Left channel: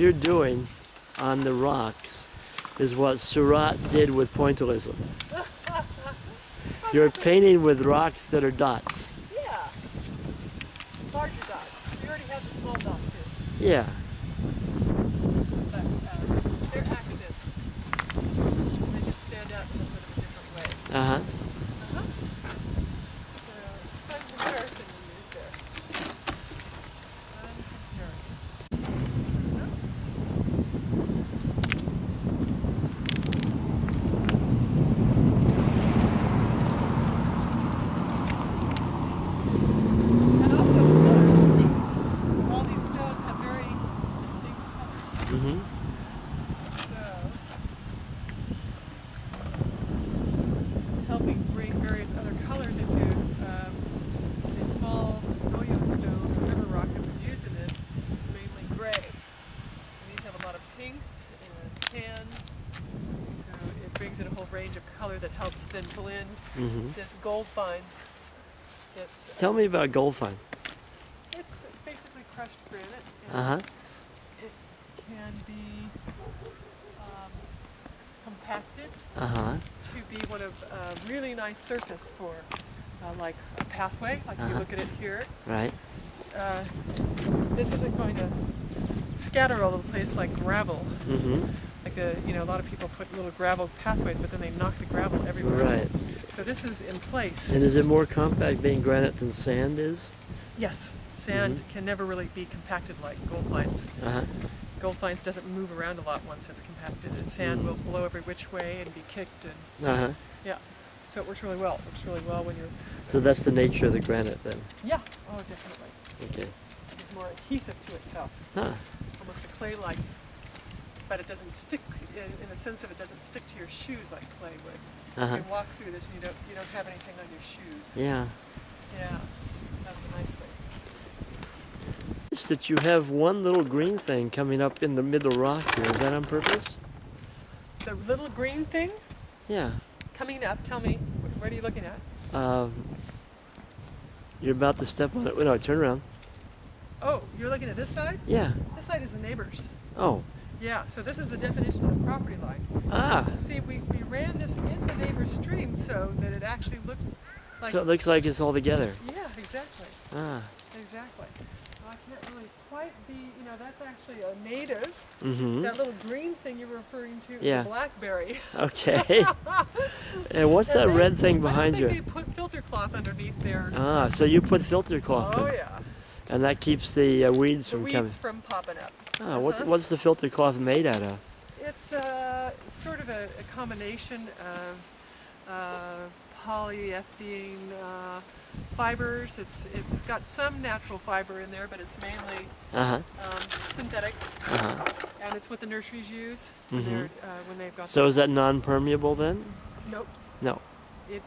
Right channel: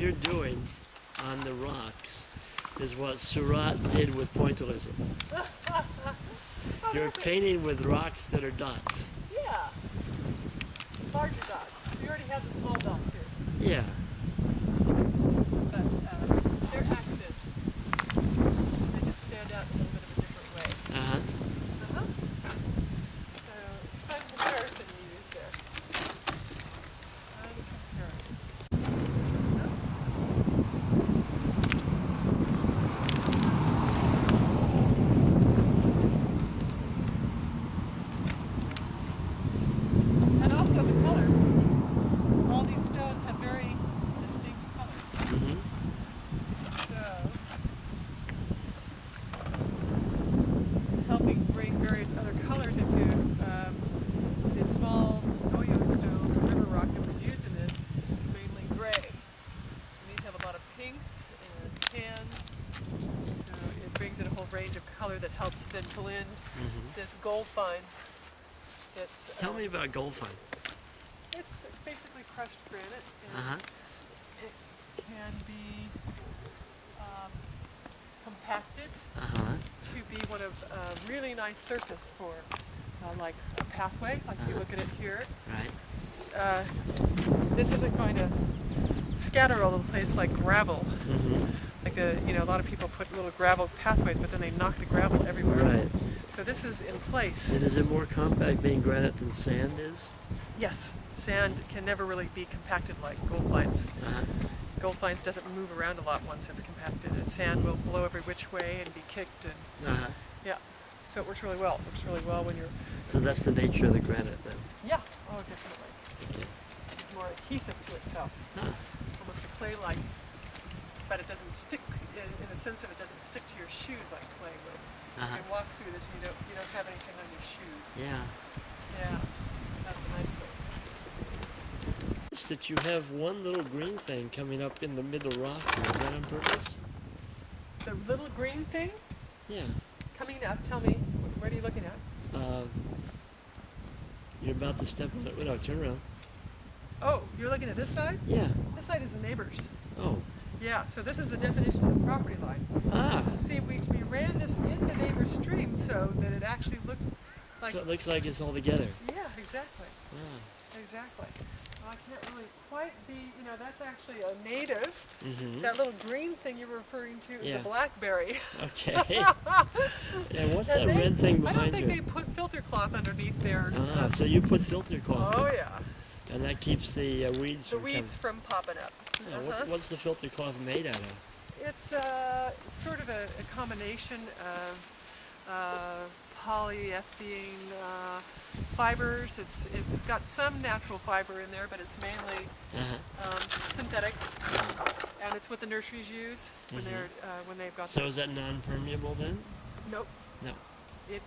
you're doing on the rocks is what Surat did with pointillism. You're painting with rocks that are dots. Yeah. Larger dots. We already have the small dots here. Yeah. But they're accents. They just stand out in a little bit of a different way. Uh-huh. So, fun comparison you use there. Fun comparison. And also the color. All these stones have very distinct colors. Mm-hmm. So, helping bring various other colors into the small Noyo stone or river rock that was used in this is mainly gray. And these have a lot of pinks and tans. So it brings in a whole range of color that helps then blend this gold fines. That's, Tell me about gold fine. it's basically crushed granite. And Uh-huh. it can be compacted Uh-huh. to be one of really nice surface for like a pathway, like you look at it here. Right. This isn't going to scatter all over the place like gravel. Mm-hmm. Like a lot of people put little gravel pathways, but then they knock the gravel everywhere. Right. So this is in place. And is it more compact being granite than sand is? Yes, sand can never really be compacted like gold fines. Uh-huh. Gold fines doesn't move around a lot once it's compacted, and sand will blow every which way and be kicked, and Uh-huh. yeah. So it works really well. It works really well when you're. So that's the nature of the granite then? Yeah. Oh, definitely. Okay. It's more adhesive to itself. Huh. Almost a clay-like, but it doesn't stick in the sense of it doesn't stick to your shoes like clay would. Uh-huh. You walk through this and you don't have anything on your shoes. Yeah. Yeah, that's a nice thing. It's that you have one little green thing coming up in the middle rock here. Is that on purpose? The little green thing Yeah. coming up. Tell me, what are you looking at? You're about to step on it. No, turn around. Oh, you're looking at this side? Yeah. This side is the neighbor's. Oh. Yeah, so this is the definition of the property line. Ah. See, we ran this in the neighbor's stream so that it actually looked like... So it looks like it's all together. Yeah, exactly. Ah. Exactly. Well, I can't really quite be, that's actually a native. Mm-hmm. That little green thing you're referring to is Yeah. a blackberry. Okay. And what's that red thing behind you? I don't think they put filter cloth underneath there. Ah, so you put filter cloth Oh, in. yeah. And that keeps the weeds The from weeds coming. from popping up. Ah, what's the filter cloth made out of? It's sort of a combination of polyethylene fibers. It's got some natural fiber in there, but it's mainly synthetic, and it's what the nurseries use when they've got. So is that non-permeable then? Nope. No. It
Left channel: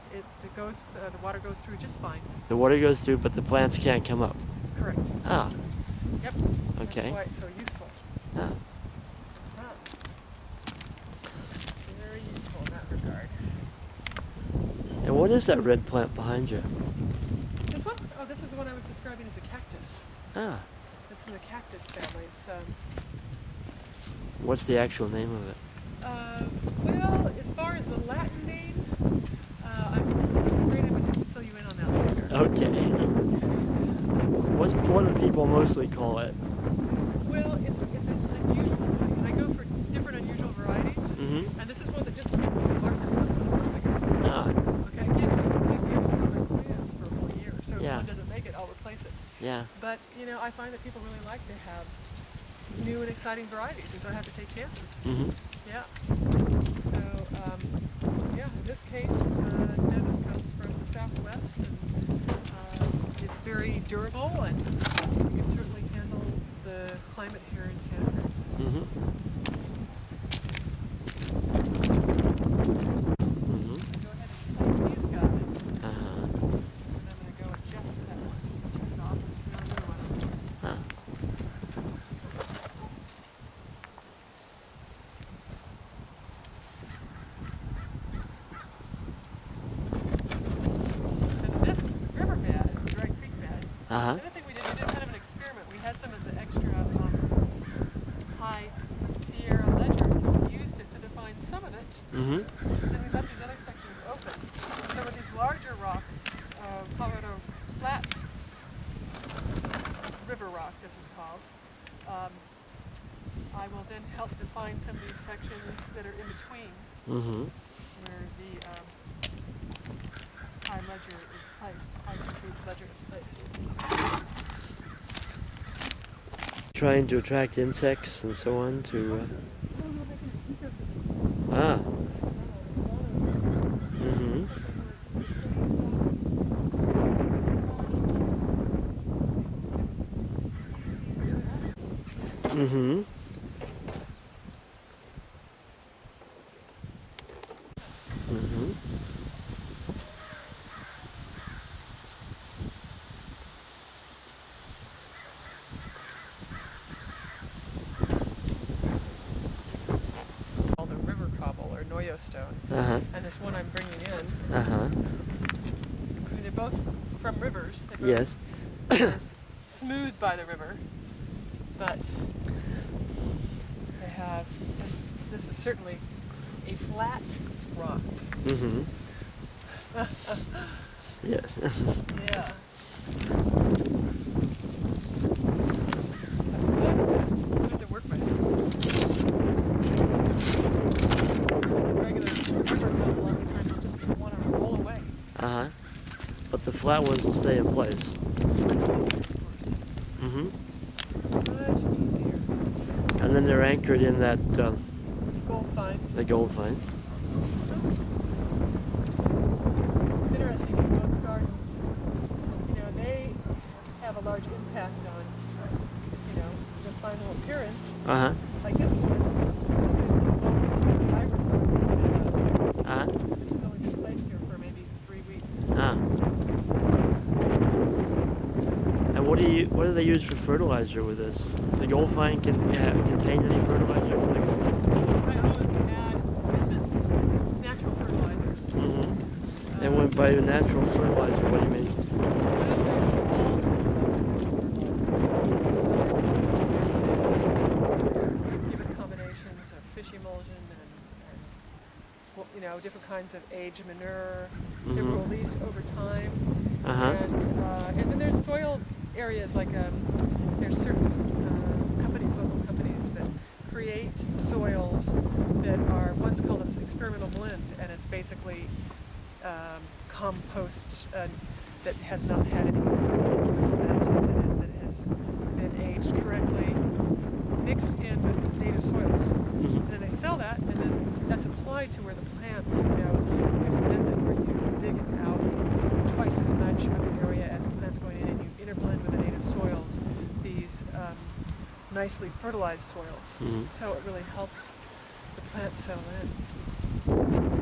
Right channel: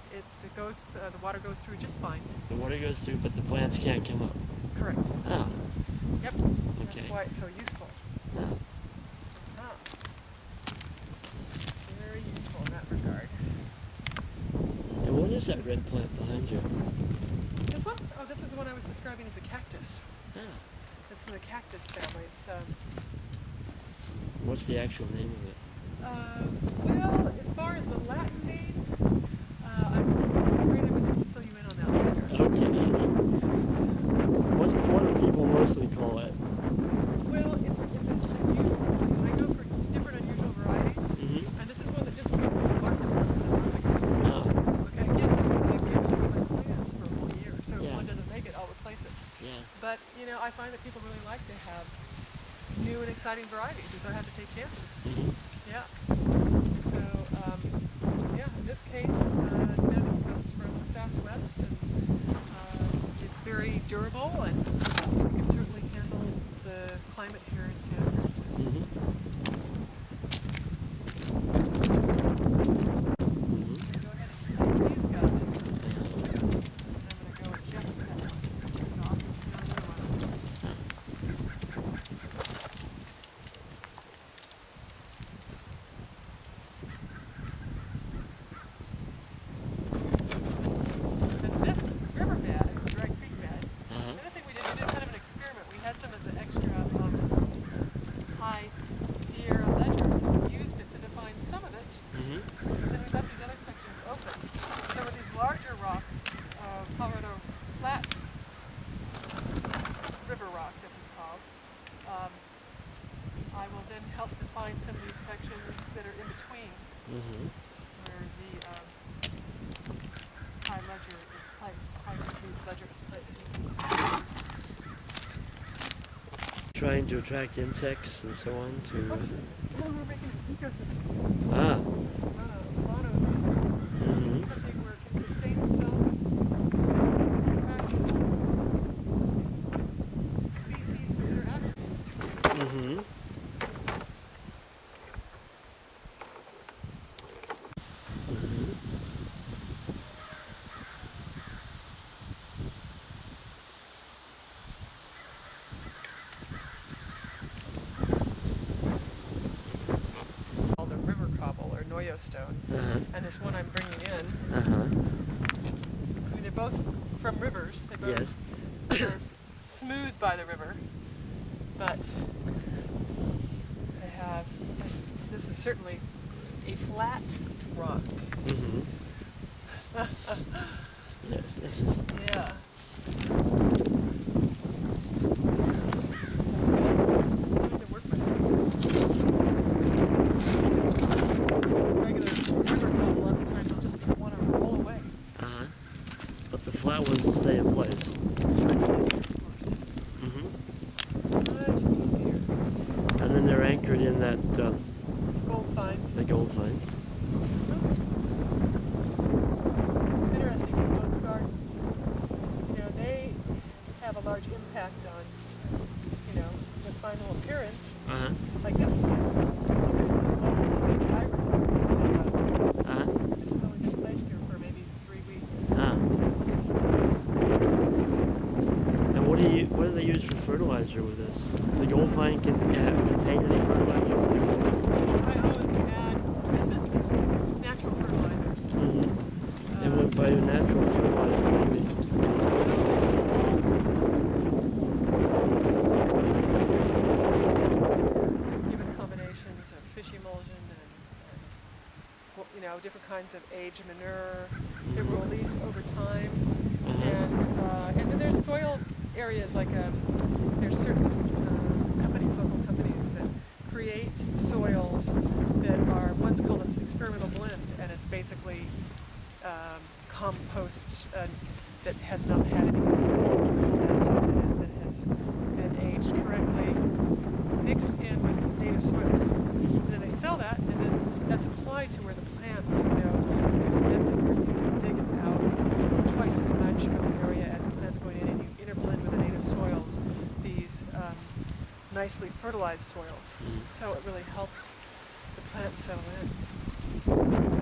goes. The water goes through just fine. The water goes through, but the plants can't come up. Correct. Ah. Yep. Okay. That's why it's so useful. Ah. Very useful in that regard. And what is that red plant behind you? This one? Oh, this was the one I was describing as a cactus. Ah. It's in the cactus family. It's What's the actual name of it? well, as far as the Latin name, I'm afraid I'm going to have to fill you in on that later. Okay. What do people mostly call it? Well, it's an unusual variety, and I go for different unusual varieties, and this is one that just came to the market less than a month ago. Ah. Okay, again, I gave it to my plants for a whole year, so if one doesn't make it, I'll replace it. Yeah. But, I find that people really like to have new and exciting varieties, and so I have to take chances. Yeah. So, yeah, in this case, this comes from the Southwest, and it's very durable, and it can certainly handle the climate here in Santa Cruz. Go ahead and cut these guys. And I'm going to go adjust that one. Turn it off and turn another one on. And this riverbed, Dry Creek bed, the other thing we did kind of an experiment. We had some of the extra high Sierra ledger, so we used it to define some of it. Mm-hmm. And then we left these other sections open. Some of these larger rocks, Colorado Flat River rock, this is called. I will then help define some of these sections that are in between, where the high ledger is placed, high ledger is placed. Trying to attract insects and so on to. Well, we're making an ecosystem. Ah. A lot of something where it can sustain itself, attract species or interact. Mm-hmm. Mm-hmm. Called the river cobble or Noyo stone, and this one I'm bringing in. I mean, they're both from rivers. They both are smooth by the river, but they have this. This is certainly a flat rock. Mm-hmm. Yes. Yeah. Good to work with. Regular river cobble, lots of times, will just want to roll away. But the flat ones will stay in place. Much easier, of course. Mm-hmm. Much easier. And then they're anchored in that Gold finds. the gold find. It's interesting in most gardens. You know, they have a large impact on, you know, the final appearance. Like this one, look at the moment iris on this has only been placed here for maybe 3 weeks. And what do they use for fertilizer with this? Does the gold find contain any fertilizer for the gold? I always add amendments, natural fertilizers. And when by natural fertilizer, what do you mean? Well, there's all fertilizers. Given combinations of fish emulsion and well, you know, different kinds of aged manure. They were released over time. And then there's soil areas like there's certain companies, local companies that create soils that are, one's called an experimental blend, and it's basically compost that has not had any chemical additives in it, that has been aged correctly, mixed in with native soils. And then they sell that, and then that's applied to where the plants, you know, there's a method where you dig it out twice as much of an area as the plant's going in, and you interblend with the native soils these nicely fertilized soils. So it really helps the plants settle in.